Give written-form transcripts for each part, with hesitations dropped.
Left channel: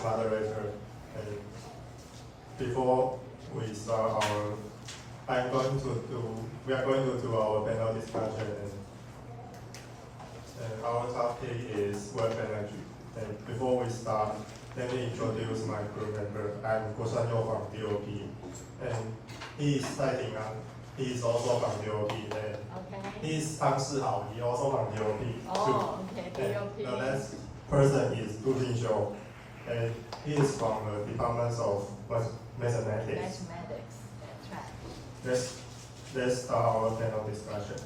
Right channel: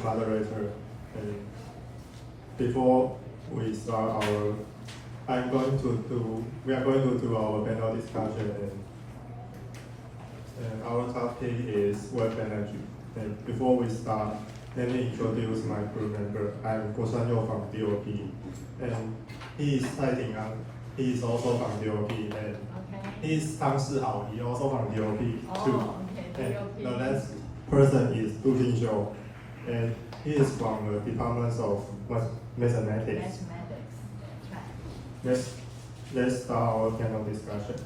as moderator. And before we start we are going to do our panel discussion. And our topic is web energy. And before we start, let me introduce my crew member. I'm Guo Shanyo from DOP. And he is citing he is also from DOP. And he is Tang Shihao, he also from DOP. Okay. And the next person is Du Jingxiu. And he is from the Department of Mathematics. Let's start our panel discussion.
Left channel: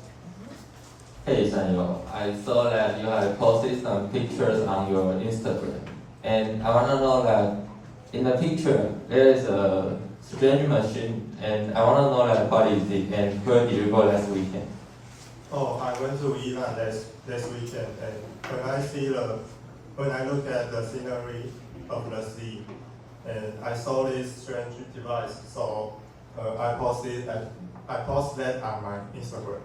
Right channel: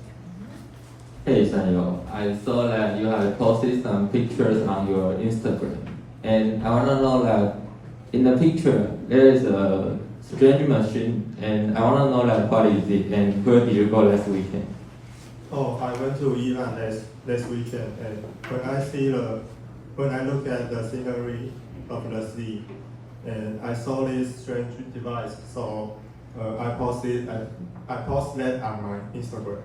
Hey Sanyo, I saw that you have posted some pictures on your Instagram, and I want to know that in the picture there is a strange machine, and I want to know that what is it, and where did you go last weekend? Oh, I went to Iran last weekend, and when I look at the scenery of the sea, and I saw this strange device, so I posted that on my Instagram.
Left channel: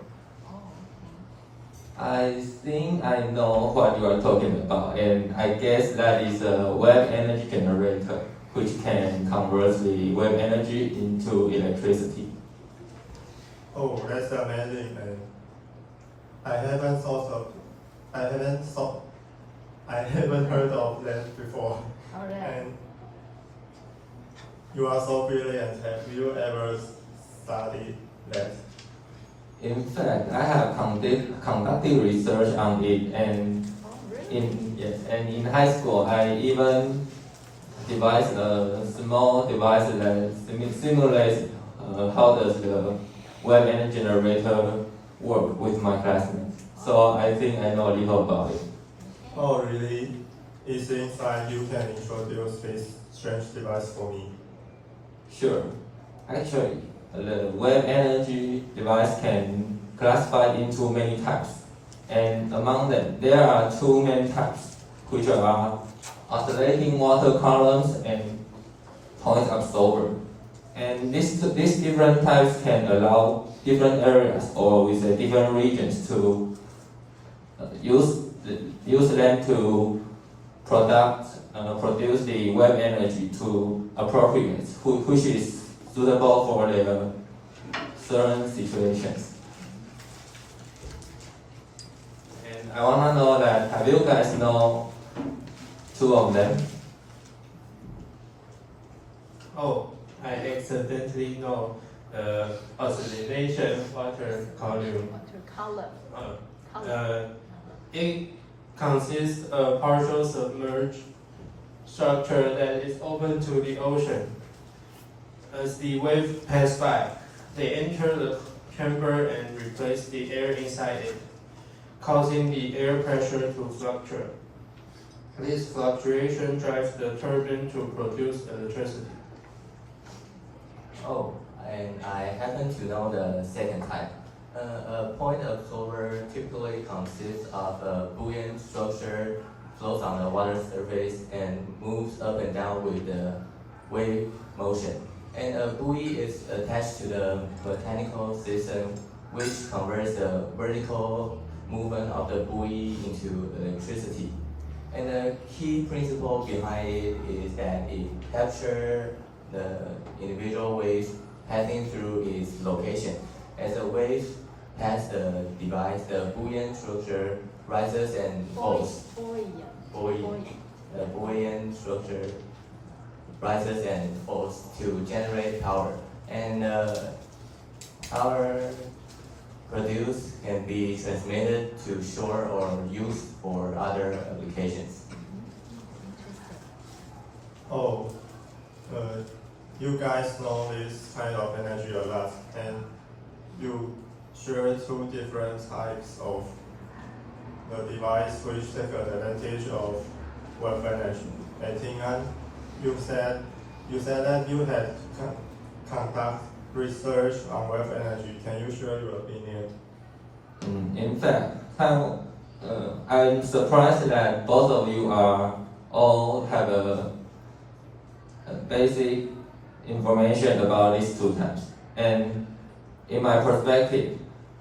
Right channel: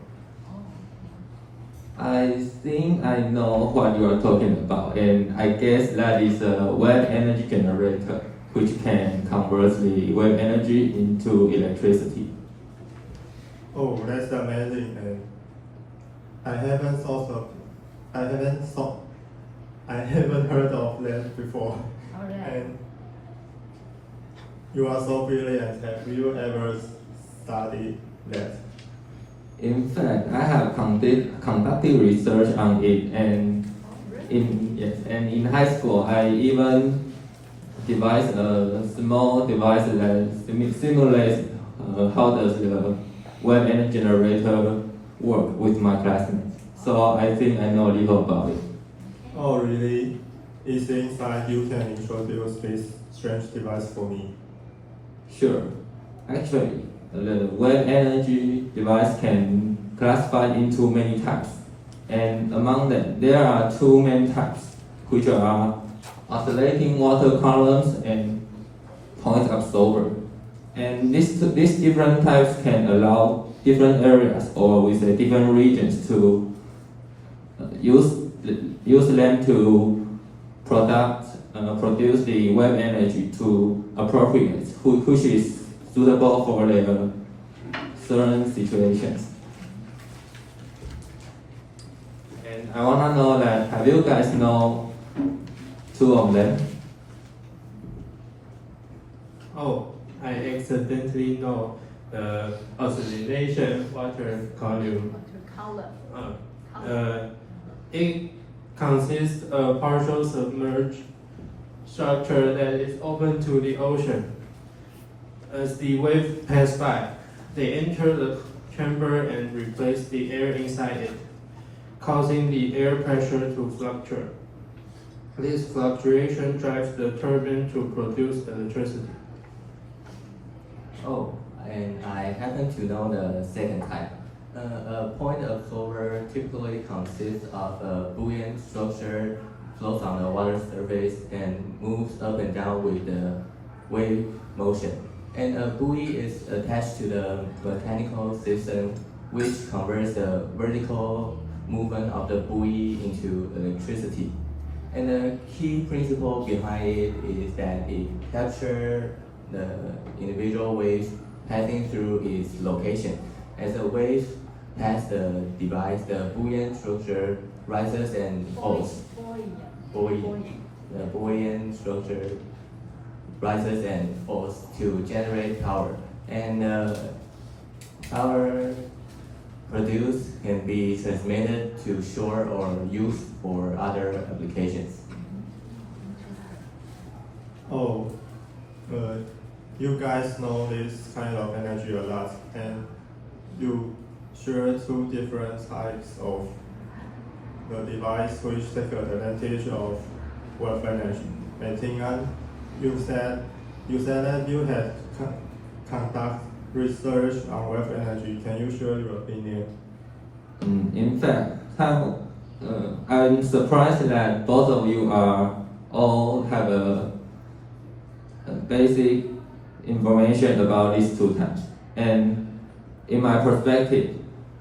I think I know what you are talking about, and I guess that is a wave energy generator, which can convert the wave energy into electricity. Oh, that's amazing, and I haven't heard of that before. And you are so brilliant. Have you ever studied that? In fact, I have conducted research on it, and in high school, I even devised a small device that simulates how does the wave energy generator work with my classmates. So I think I know a little about it. Oh, really? It seems like you can introduce this strange device for me. Sure. Actually, the wave energy device can classify into many types, and among them there are two main types, which are oscillating water columns and point absorber. And these different types can allow different areas or with different regions to use them to produce the wave energy to appropriate, which is suitable for the certain situations. And I want to know that, have you guys know two of them? Oh, I accidentally know the oscillation water column. It consists of a partial submerged structure that is open to the ocean. As the wave pass by, they enter the chamber and replace the air inside it, causing the air pressure to fluctuate. This fluctuation drives the turbine to produce electricity. Oh, and I happen to know the second type. A point absorber typically consists of a buoyant structure, floats on the water surface, and moves up and down with the wave motion. And a buoy is attached to the mechanical system, which converts the vertical movement of the buoy into electricity. And the key principle behind it is that it captures the individual waves passing through its location. As the waves pass the device, the buoyant structure rises and falls. The buoyant structure rises and falls to generate power. And power produced can be transmitted to shore or used for other applications. Oh, you guys know this kind of energy a lot, and you share two different types of the device which take advantage of wave energy. And Ting-An, you said that you had conduct research on wave energy. Can you share your opinion? In fact, I'm surprised that both of you all have a basic information about these two types. And in my perspective,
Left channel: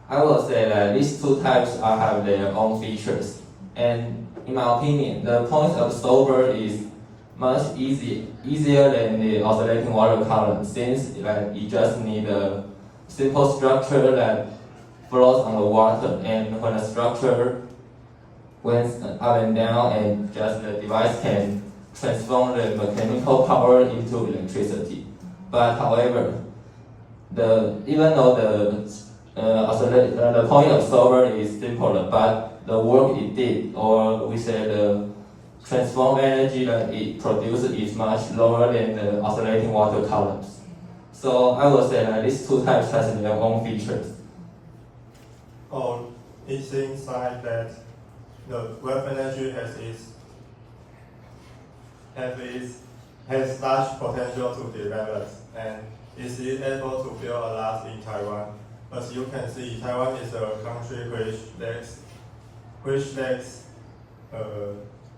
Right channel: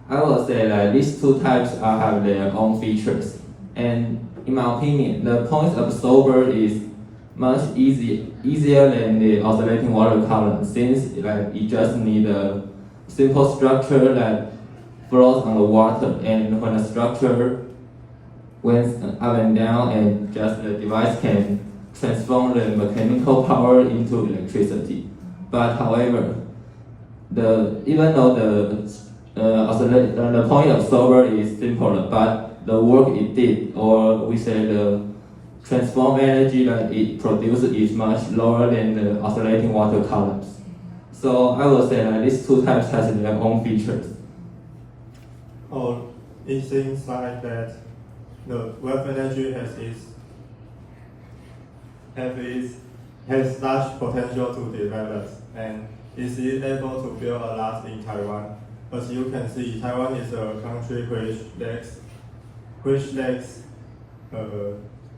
I will say that these two types have their own features. And in my opinion, the point absorber is much easier than the oscillating water column, since it just needs a simple structure that floats on the water, and when the structure went up and down, and just the device can transform the mechanical power into electricity. But however, even though the point of solver is simpler, but the work it did, or we say the transform energy that it produces, is much lower than the oscillating water columns. So I would say that these two types has their own features. Oh, it seems like that the wave energy has large potential to develop, and is able to build a lot in Taiwan. As you can see, Taiwan is a country which lacks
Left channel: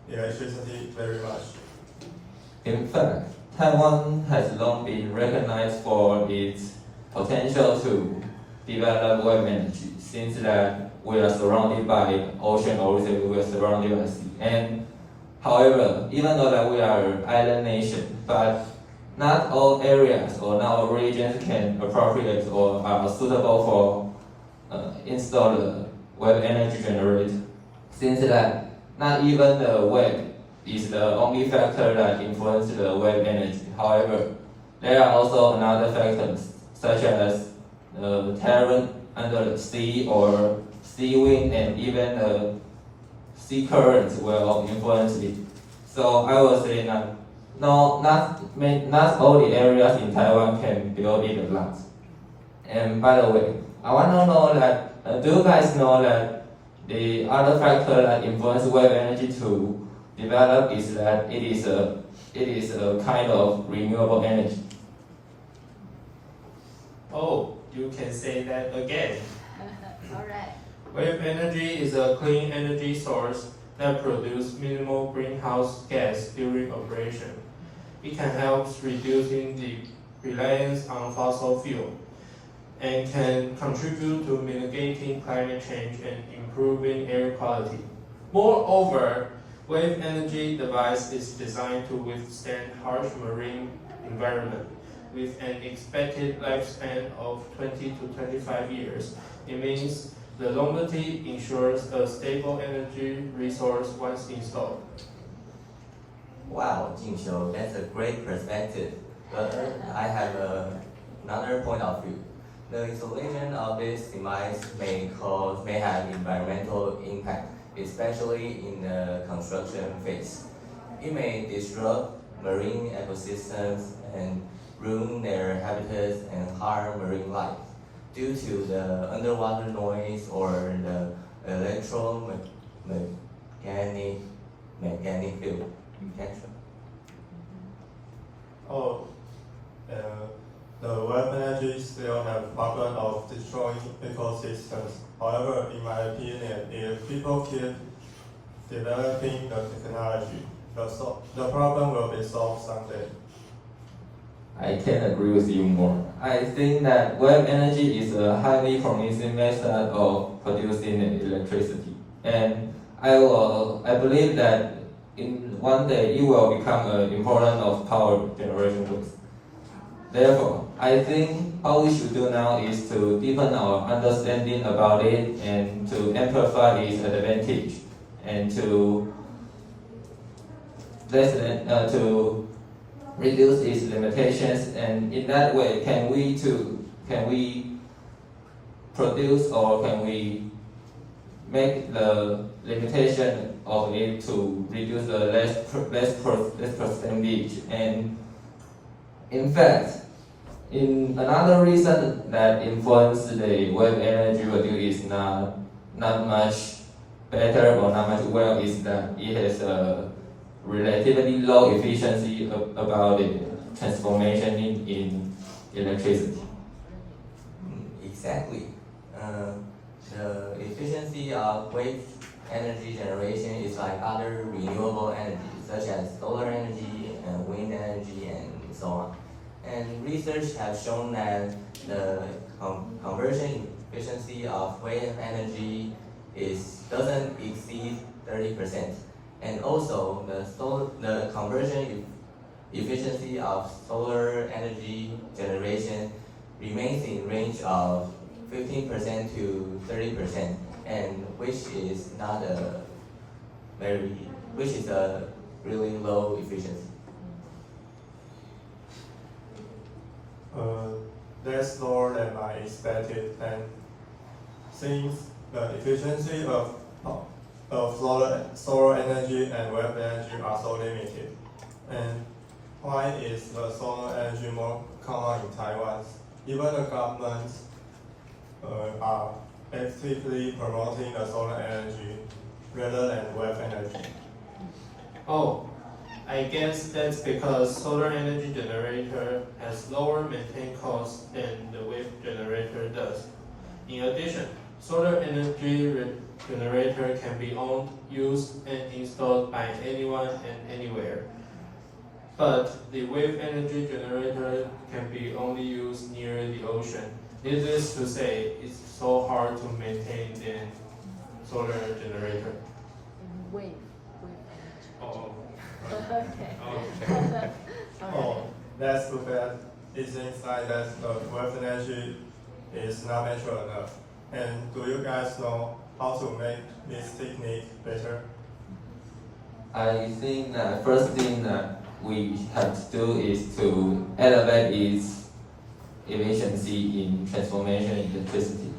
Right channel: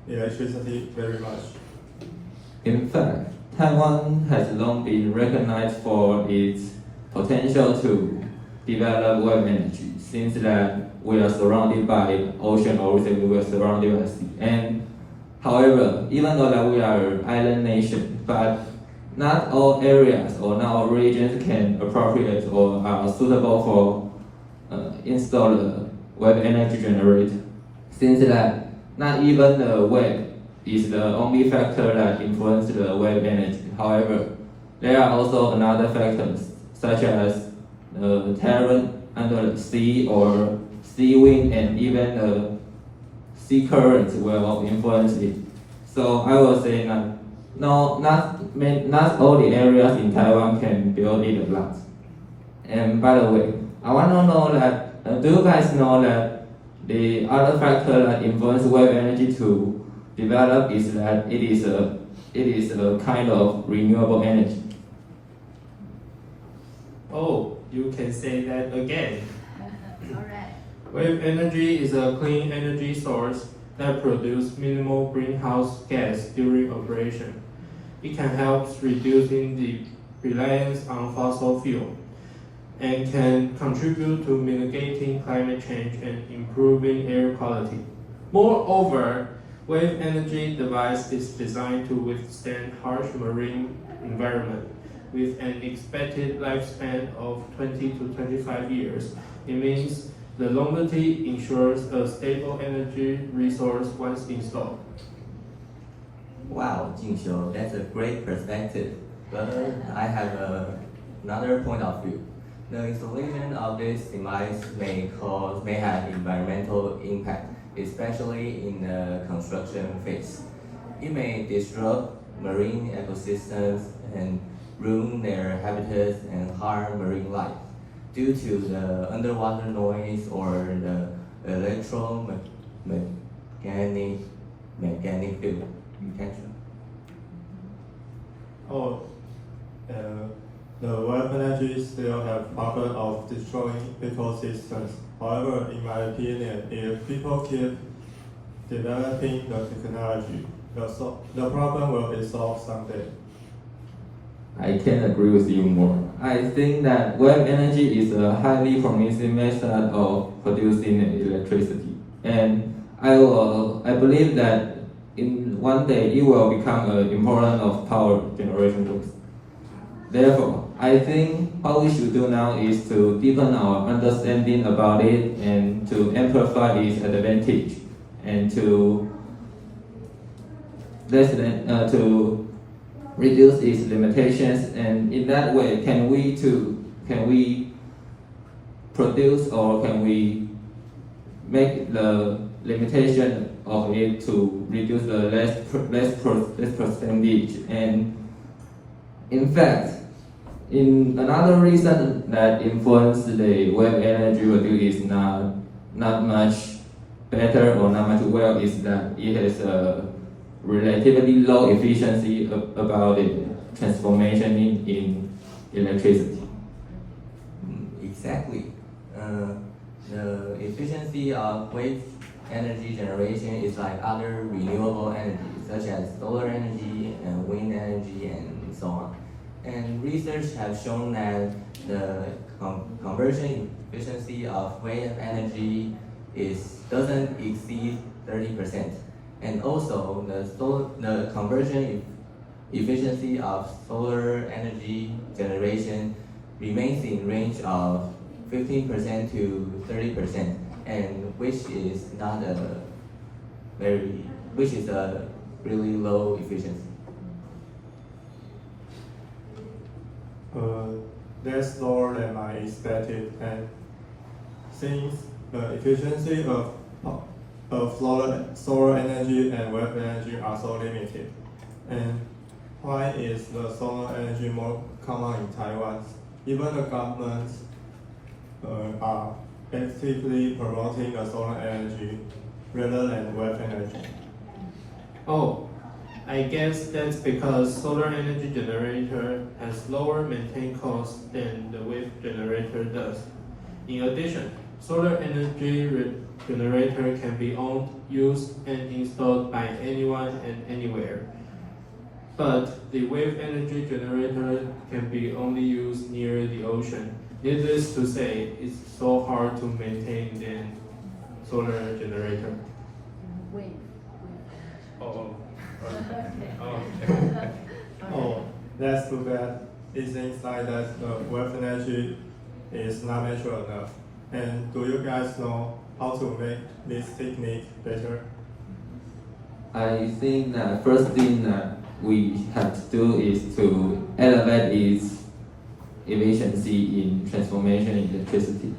electricity very much. In fact, Taiwan has long been recognized for its potential to develop wave energy, since that we are surrounded by ocean, or we are surrounded by sea. And however, even though that we are an island nation, but not all areas or not all regions can appropriate or are suitable for install a wave energy generator, since that not even the wave is the only factor that influences the wave energy. However, there are also another factors, such as the terrain under the sea, or sea wind, and even the sea currents will influence it. So I was saying that not all the areas in Taiwan can build it a lot. And by the way, I want to know that do you guys know that the other factor that influence wave energy to develop is that it is a kind of renewable energy? Oh, you can say that again. Alright. Wave energy is a clean energy source that produces minimal greenhouse gas during operation. It can help reducing the reliance on fossil fuel and can contribute to mitigating climate change and improving air quality. Moreover, wave energy device is designed to withstand harsh marine environment. With an expected lifespan of 20 to 25 years, it means the longevity ensures a stable energy resource once installed. Wow, Jingxiu, that's a great perspective. But I have another point of view. The installation of this device may have environmental impact, especially in the construction phase. It may disrupt marine ecosystems and ruin their habitats and harm marine life due to the underwater noise or the magnetic field. Oh, the wave energy still have problem of destroying ecosystems. However, in my opinion, if people keep developing the technology, the problem will be solved someday. I can agree with you more. I think that wave energy is a highly promising method of producing electricity, and I believe that in one day it will become an important of power generation tools. Therefore, I think what we should do now is to deepen our understanding about it and to amplify its advantage and to reduce its limitations, and in that way can we produce, or can we make the limitation of it to reduce the less percentage. And in fact, in another reason that influence the wave energy reduce is not much better or not much well is that it has a relatively low efficiency about the transformation in electricity. Exactly. The efficiency of wave energy generation is like other renewable energy, such as solar energy and wind energy and so on. And research has shown that the conversion efficiency of wave energy doesn't exceed 30%. And also, the conversion efficiency of solar energy generation remains in range of 15% to 30%, and which is a really low efficiency. That's lower than I expected, and since the efficiency of solar energy and wave energy are so limited, and why is the solar energy more common in Taiwan? Even the government are actively promoting the solar energy rather than wave energy. Oh, I guess that's because solar energy generator has lower maintenance costs than the wave generator does. In addition, solar energy generator can be owned, used, and installed by anyone and anywhere. But the wave energy generator can be only used near the ocean. Needless to say, it's so hard to maintain than solar generator. Wave. Oh, Oh, that's too bad. It seems like that wave energy is not mature enough. And do you guys know how to make this technique better? I think the first thing that we have to do is to elevate its efficiency in transformation electricity.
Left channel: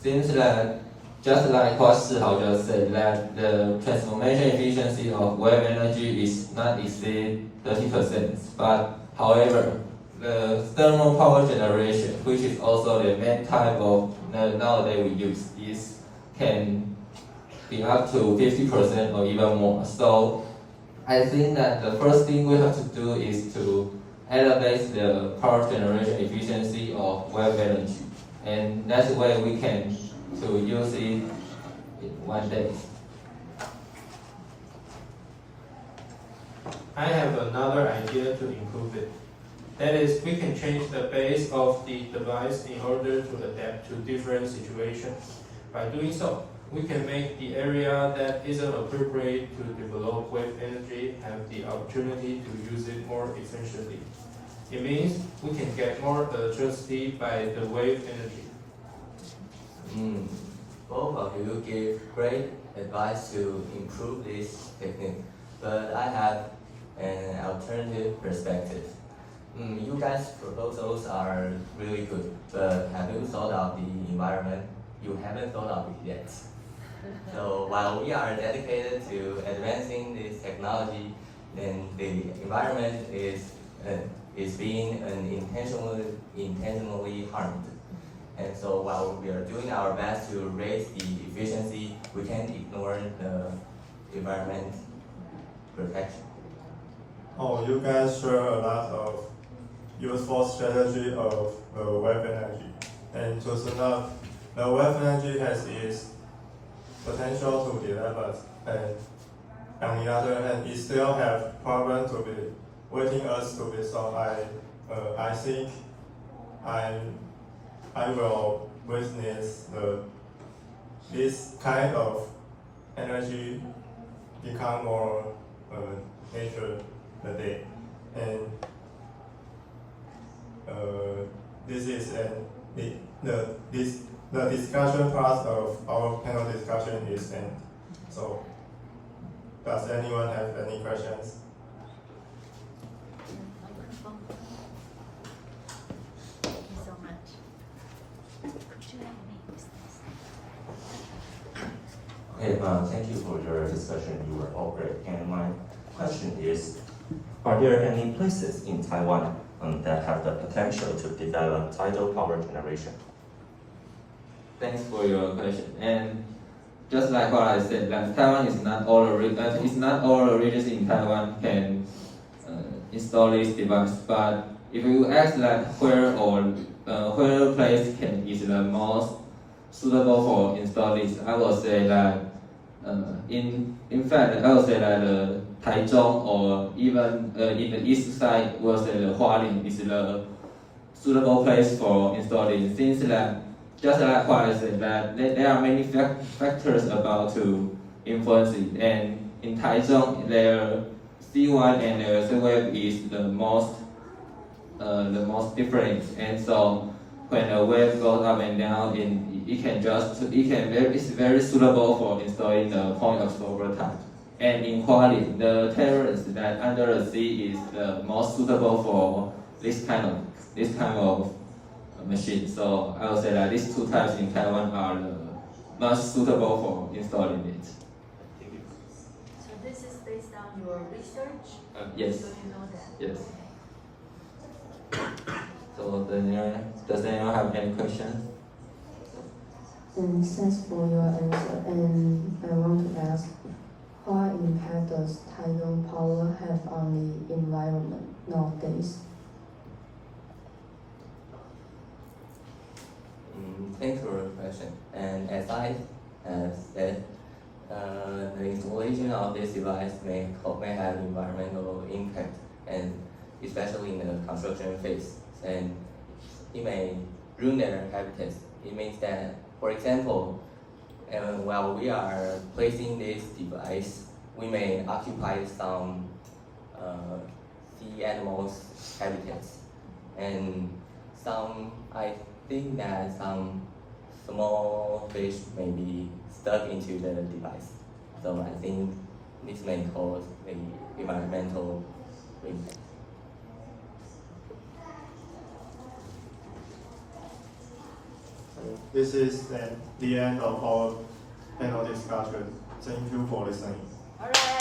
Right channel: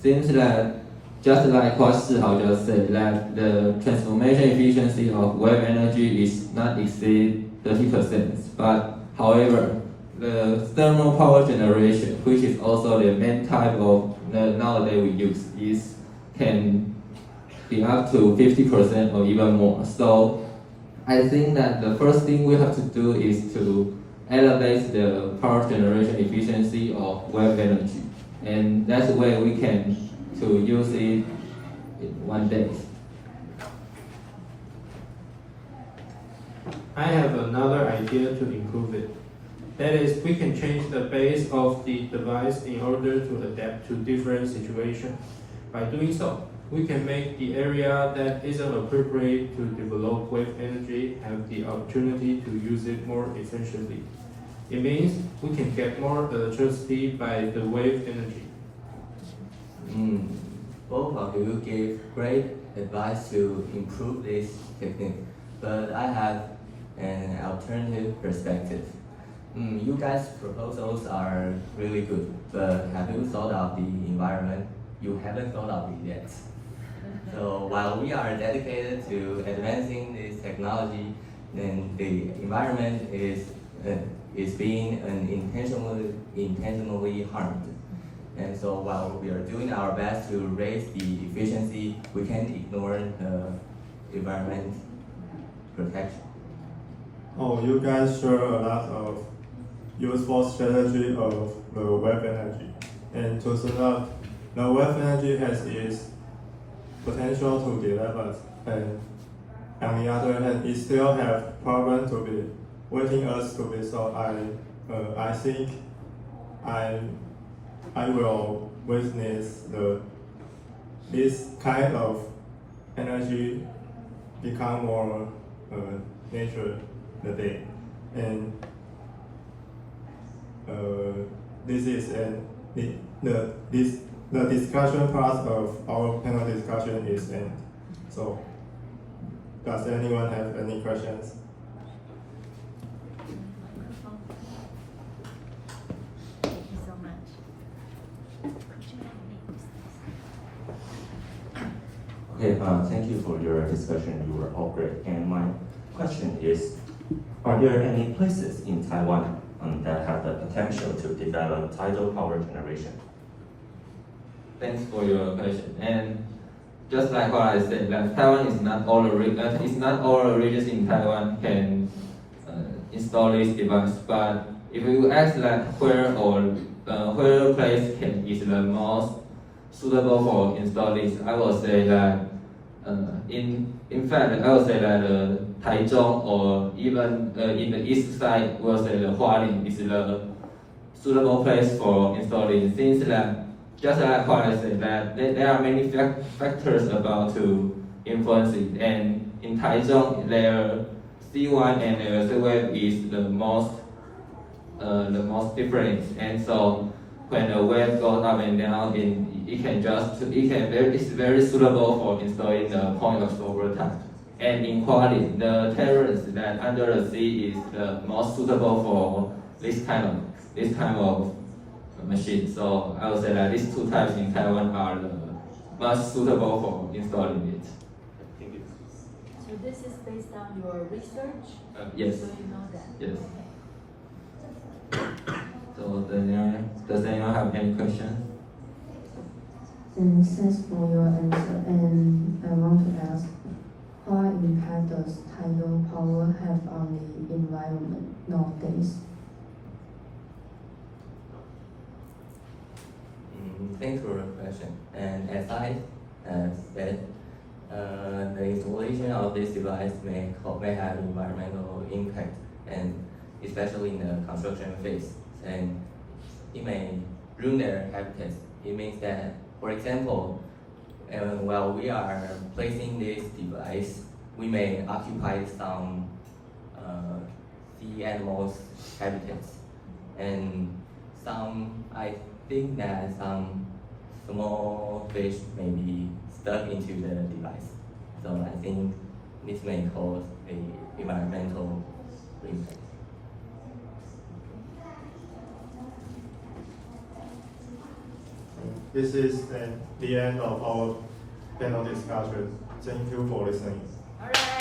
Seems that just like what Shihao just said, that the transformation efficiency of wave energy is not exceed 30%. But however, the thermal power generation, which is also the main type of the nowadays we use, can be up to 50% or even more. So I think that the first thing we have to do is to elevate the power generation efficiency of wave energy, and that's where we can to use it in one day. I have another idea to improve it. That is, we can change the base of the device in order to adapt to different situations. By doing so, we can make the area that isn't appropriate to develop wave energy have the opportunity to use it more efficiently. It means we can get more electricity by the wave energy. Both of you give great advice to improve this technique, but I have an alternative perspective. You guys' proposals are really good, but have you thought of the environment? You haven't thought of it yet. So while we are dedicated to advancing this technology, then the environment is being intentionally harmed. And so while we are doing our best to raise the efficiency, we can't ignore the environment protection. Oh, you guys share a lot of useful strategy of the wave energy. And to sum up, the wave energy has its potential to develop, and on the other hand, it still have problems to be waiting us to be solved. I think I will witness this kind of energy become more nature the day, and this is the discussion part of our panel discussion is end. So, does anyone have any questions? Thank you so much. Okay, thank you for your discussion. You were all great. And my question is, are there any places in Taiwan that have the potential to develop tidal power generation? Thanks for your question. And just like what I said, that Taiwan is not all the regions in Taiwan can install this device. But if you ask like where place is the most suitable for install this, I will say that in fact I will say that Taichung or even in the east side, we'll say the Hualien is the suitable place for installing. Since that, just like what I said, that there are many factors about to influence it, and in Taichung, their C1 and their C-wave is the most different, and so when the wave goes up and down, it's very suitable for installing the point absorber type. And in quality, the terrace that under the sea is the most suitable for this kind of machine. So I would say that these two types in Taiwan are the most suitable for installing it. Thank you. So this is based on your research? Yes. So you know that? Yes. Okay. So does anyone have any questions? And thanks for your answer. And I want to ask, what impact does tidal power have on the environment nowadays? Thanks for your question. And as I said, the installation of this device may have environmental impact, and especially in the construction phase, and it may ruin their habitats. It means that, for example, while we are placing this device, we may occupy some sea animals' habitats, and I think that some small fish may be stuck into the device. So I think this may cause an environmental impact. This is the end of our panel discussion. Thank you for listening. All right.